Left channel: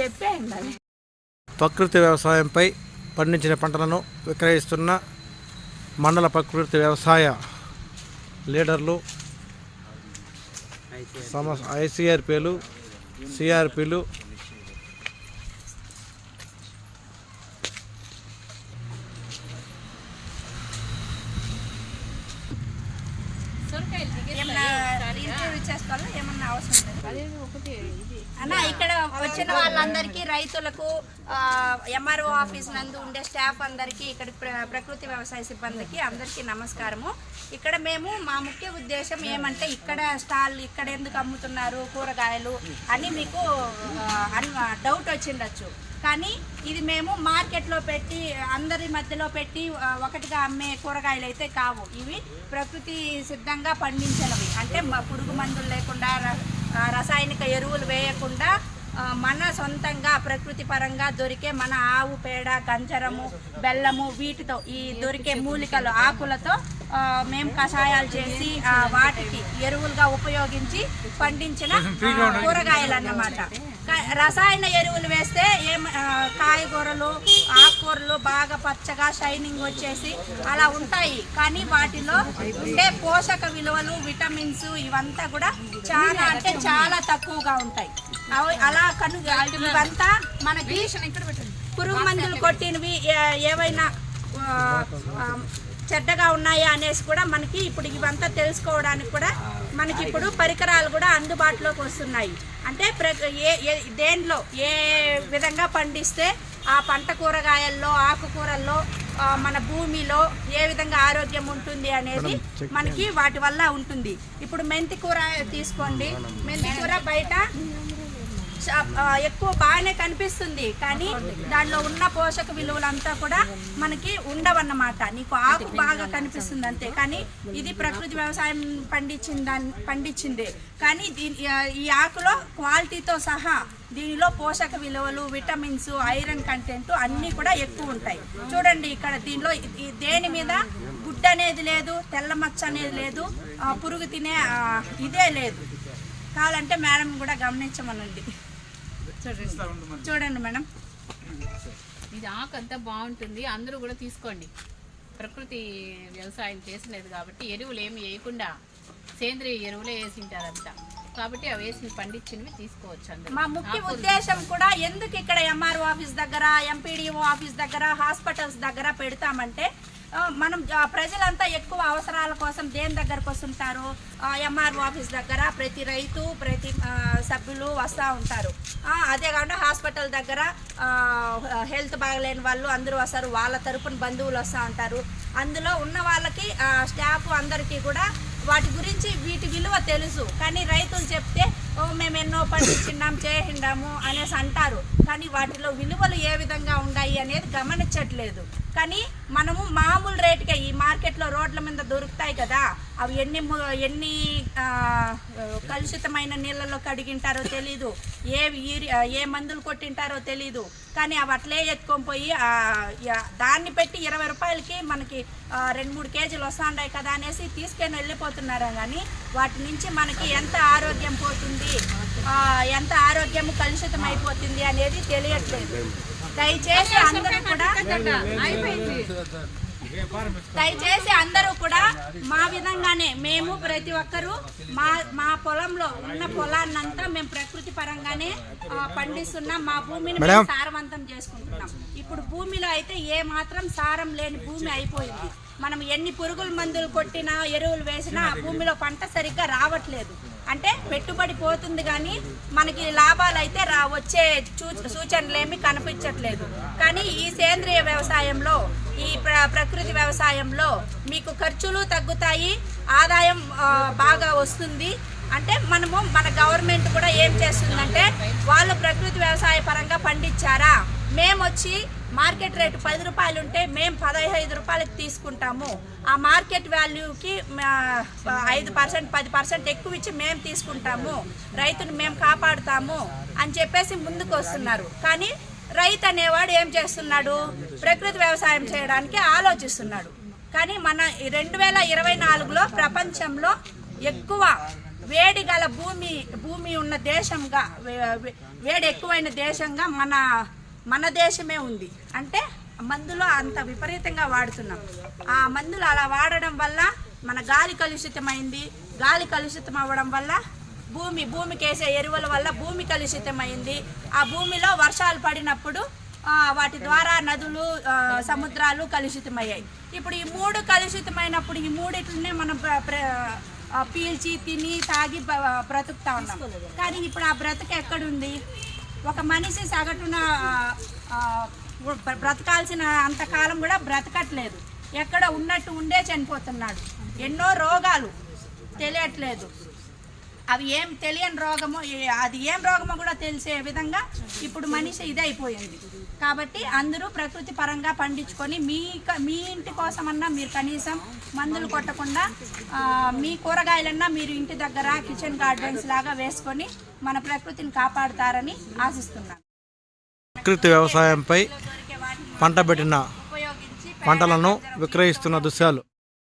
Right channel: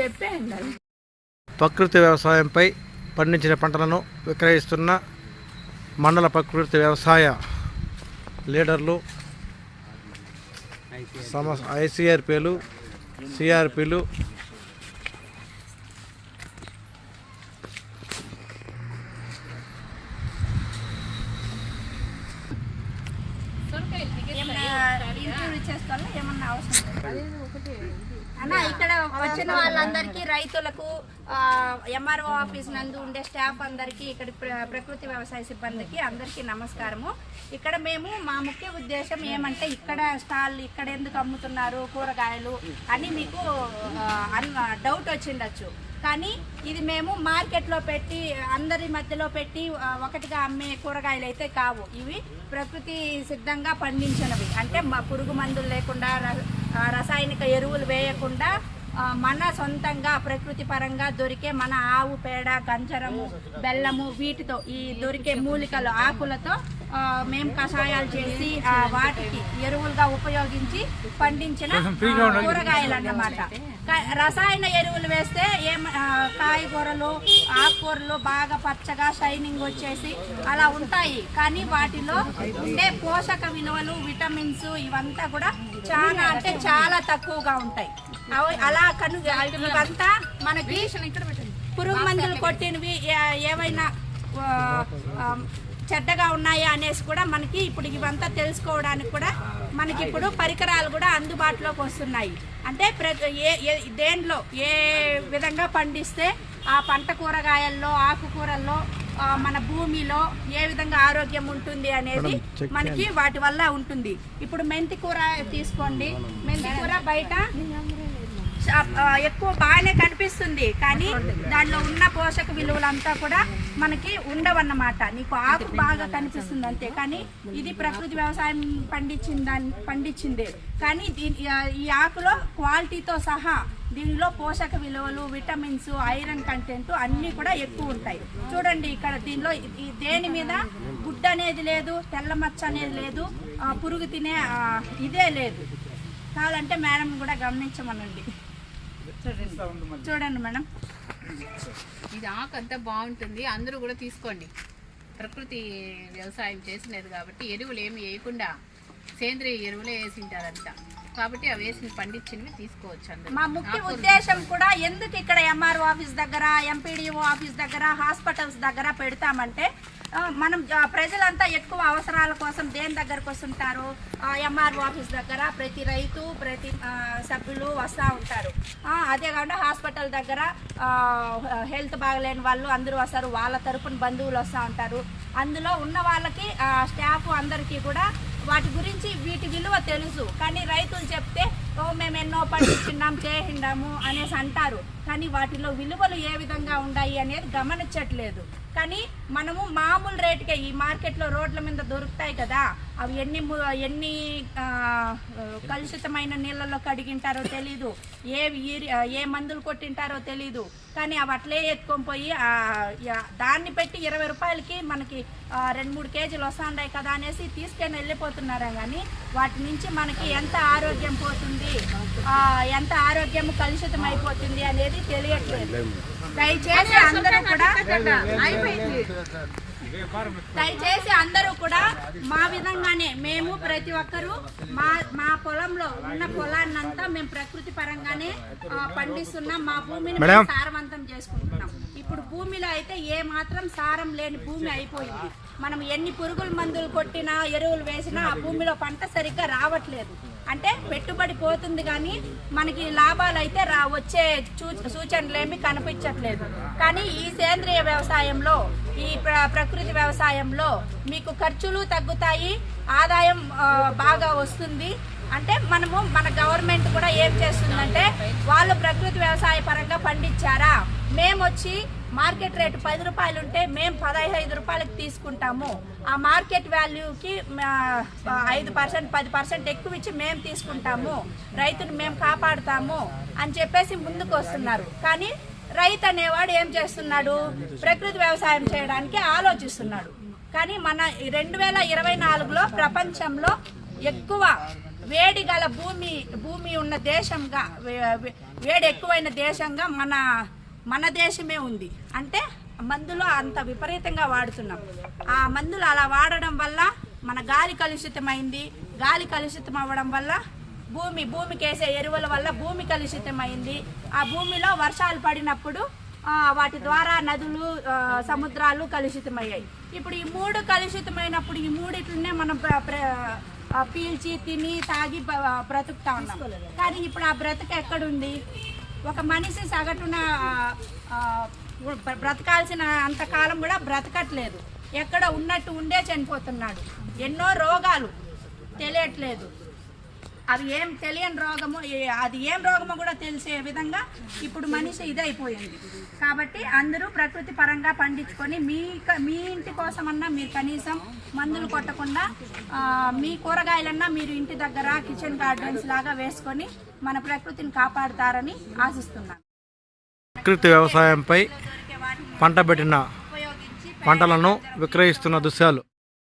చెప్పేయండి. ప్రకృతి వ్యవసాయంపై పండించిన పంటలను విక్రయిస్తున్న మండల ప్రకృతి వ్యవసాయ లీడర్లు సమ ఐసిఆర్పీలు సిఆర్పీలు ఏమన్నా అవసరం అన్న ఇక్కడ వచ్చిన వాళ్ళందరికీ రైతులకు ఎంఆర్ఓ ఆఫీస్ నందు ఉండే స్టాఫ్ అందరికీ ఇక్కడ ప్ర- ప్రకృతి వ్యవసాయ సిబ్బందికి అందరికీ నమస్కారము. ఇక్కడ మేము మా ముఖ్య ఉద్దేశం ఏమంటే ఇక్కడ స్టాల్ ఇక్కడ ఎందుకు అమ్ముతున్నారు కూరగాయలు అని మీకు అన్- డౌట్ వచ్చిండొచ్చు. కానీ ఇది మేము మార్కెట్లో పెట్టి అందరి మధ్యలో పెట్టి ఒకటిగా అమ్మే కూరగాయలు అయితే కావు. ఇవి ప్రకృతి సిద్ధంగా పండించినవి. అంటే పురుగు మందులు లేకుండా రసాయనిక ఎరువులు వేయకుండా మన సొంతంగా ప్రకృతి పరంగా దొరికే మన ఆవు పేడ గంజరము బెల్లము వీటితో ఈ దొరికే మూలికలు ఆకులతో మేము కషాయాలు చేసి వాటికి ఎరువులుగా ఉపయోగించి పండించిన కూరగాయలు అన్నమాట రసాయన ఎరువులు వేస్తే ఏం కాయగూరలు ఆకుకూరలు బాగా పచ్చగా షైనింగ్ వచ్చేసి అలా ఉంటాయి. కానీ వాటిలో ఉండే పోషక విలువలు విటమిన్స్ ఇవంతా కూడా చాలా అంటే చాలా తక్కువగా ఉంటాయి. అవి అలా కను ఇవంతా మనకి పురుగు మందులు కొట్టినవి ఏవైనా చెడ్డగా ఉన్నాయా అనేసి కూడా మనకి ఇప్పుడు ఇవంతా తెలుసుకోవడానికి కూడా మనకి ఇప్పుడు పరికరాలు కూడా అందుబాటులోకి వస్తున్నాయి. అంటే ప్రతి ఏ దేంట్లో ఏ విధంగా పండిస్తే ఆ పంట కూరగాయల్లో ఆకుకూరల్లో మన భూమిలో ఏ విధంగా ఆరోగ్యం ఉంటుంది అనేది మనకి వాటి వల్ల ఉంటుంది. ఇప్పుడు మెంతి కూర తీసుకోండి. మెంతి కూర బయట ఎక్కువ బాగానే కనిపిస్తుంది. కానీ దానిలో ఉన్న పోషక విలువలంతా కూడా మనకి ఉండవన్నమాట. నీకు ఆకు బాగా కనిపిస్తుంది అంతే. కానీ ఇది ప్రకృతి వ్యవసాయం పండించిన దాన్ని పండించిందే. కానీ దీని ఈ ఆకులో క్వాలిటీతో సహా దీనిలో పోషక విలువలు విటమిన్స్ ఐరన్ కంటెంట్ అన్నీ కూడా ఎక్కువ ఉంటాయి. చూడండి ఇక్కడ దీనిలో దేని మీద గుడ్డ అనేది లేదు తెల్ల మచ్చ అనేది లేదు పురుగు తినే ఇదే లేదు. కావాలంటే మేడం కూడా గమనించమనండి. చూడండి. చూడండి మేడం. ఇది ఆకు అంతా బాగుంటుంది. అందరూ కూడా తీసుకోండి. ప్రకృతి వ్యవసాయం చేసినది కాబట్టి ఎరువులు ఏమి వేయకుండా సేంద్రియ ఎరువులే వేసింటారంతా కాబట్టి అవి వేసి పండించినవి తీసుకోవచ్చు అందరూ. మా ముఖ్య ఉద్దేశం కూడా ఎందుకు ఇక్కడ ఎంఆర్ఓ ఆఫీస్ దగ్గర ఎంపీడీఓ ఆఫీస్ దగ్గర హాస్పిటల్స్ దగ్గర పెడతామంటే మనం ప్రజలంతా ఎక్కువ అవసరాల కోసం దేని దగ్గరకు వస్తుంటారు? ఎంఆర్ఓ ఆఫీస్ దగ్గర ప్రతి రైతు ప్రతి సభ్యులు వస్తూ ఉంటారు. అదే కాకుండా హాస్పిటల్ దగ్గర హెల్త్ బాగలేని వాళ్ళు అందరూ వస్తారు. వాళ్ళ తరపున బంధువులు వస్తూ ఉంటారు. అందులో ఉన్న వాళ్ళకి స్టాఫ్ అందరికీ కూడా వాటి గురించి వీటి విలువ తెలుసు. కానీ రైతులు చెప్తే ఓ మేము ఎన్నో పండించిన్నాం చేసిండాము అనేసి అంటారు. కానీ వాటిలో విలువలు ఏ విధంగా ఉన్నాయి అనేది గమనించట్లేదు. కానీ మనము మామూలు రేటుకే ఈ మార్కెట్లో రోడ్ల మీద దొరుకుతాయి కదా అవి ఎన్ని ఎన్ని కలుషితమైన నీళ్ళలో కడిగింటారో తెలీదు. ఏ ఏ మందులు కొట్టింటారో తెలీదు. కానీ అవి అట్లే ఎత్తుకొని పోయి దాన్ని పెట్టి ఇరవై రూపాయలకి మనకి రెండు మూడు కేజీలు వస్తుండాయి కదా అనేసి తీసుకొని వెళ్ళిపోతున్నారా కానీ వాటి నుంచి మనకి ఎంత ఆరోగ్యం పోతుంది? ఆ, ఎంత ఆరోగ్యం కలుషితం అయిపోతుంది అనేది తెలియట్లేదు. దయచేసి అందరూ కూడా దయచేసి అందరూ కూడా మా విధంగానే మేము ప్రతి ఒక్కరూ మా మా పొలంలో ఉన్న పొలాన్నంతా మేము ప్రకృతి పరంగానే పండిస్తున్నాం. మా భూమిని. సారవంతం చేసుకుంటున్నాం. ఇప్పుడు భూమిలో అయితే ఏ మాత్రం సారం లేని భూమి అయిపోయింది. మనం ఎన్ని పురుగుల మందులు కొట్టినా ఎరువులు వేసినా ఆ భూమిలో పంట సరిగ్గా రావట్లేదు. అంటే పెట్టుబడి పోతుంది కానీ మనకి లాభాలు అయితే రా వచ్చే చూ- కనిపించట్లేదు. కానీ ఈ సేంద్రియ వ్యవసాయంలో ఈ ప్ర- ప్రకృతి వ్యవసాయంలో మీకు ఖర్చులు తగ్గుతాయి ఆదాయం బాగా వస్తుంది. అంటే మనము మన గవర్నమెంట్ కూడా ఏం చేస్తుందంటే వాళ్ళు ప్రకృతి వ్యవసాయ పరంగా పండించారా? మేము వచ్చి మార్కెట్ రేటు పది రూపాయలు ఉంటే మేము పదహైదు రూపాయలకి తీసుకుంటాము. ఆ మార్కెట్ వాల్యూకి ఐదు పర్సెంట్ పది పర్సెంట్ ఎక్కువ ఇచ్చి మేము తీసుకుంటాము. రైతును మేము కాపాడుతాము అని చెప్పేసి ముందుకు వస్తున్నారు కానీ రైతు అనేవాడు ఏం చేస్తున్నాడు? ప్రకృతి వ్యవసాయం చేయడానికి ఆలోచిస్తున్నాడు. కానీ మన రెండు వేల ఇరవై నాలుగులో ప్రపంచంలో ఎక్కువ వేడి గల భూమి భూమి ఉన్న దేశంగా వేడి ఎక్కువైన దేశంగా మన మన దేశమే ఉంది. అంటే మందులు అంత విపరీతంగా వాడుతున్నాం. ఆ మందులు అలా వాడడం వల్ల మన గాలి కలుషితమైంది. గాలి కలుషితం అవ్వడం వల్ల భూమి భూమికి వేసే ఎరువుల వల్ల భూమి కలుషితమైంది. ఆ భూమిలో వర్షాలు పడినప్పుడు వాటి ద్వారా నదులు సముద్రాలు కలుషితమయ్యాయి. ఇప్పుడు ఈ మూడు కలుషితమైనప్పుడు ఈ మూడిట్లనే మనం పీల్చి తిని తాగి బ్రతుకుతా ఉన్నాం. కానీ ఇప్పుడు ఆ బ్రతుకు ఎక్కడుంది? ఒక మనిషి సగటున బ్రతకాల్సిన అంతకాలం కూడా బ్రతకట్లేదు. ఎక్కడ ఉన్నట్టు ఉండే చనిపోతున్నాడు. ఎన్నో రోగాలు తెలియట్లేదు. అవి ఏం తెలియని రోగము ఏ- అది ఏం రోగమో కూడా తెలిసే విధంగా ఇప్పుడు మనిషి ఇదైపోయింది. కాబట్టి అందరూ ప్రకృతి పరంగా పండించుకొని మీ క- మీ ఇంటి కోసమన్నా మీరు కనీసం మందులు కొట్టకుండా మీ కూరగాయలన్నా మీరు ఇంటి దగ్గర కిచెన్ గార్డెన్స్ లాగా వేసుకొని మన ప్రకృతిని కాపాడుతారని ఆశిస్తున్నాను. ప్రకృతి వ్యవసాయంపై పంట పెట్టిన పంటలను విక్రయిస్తున్న దృశ్యాలు.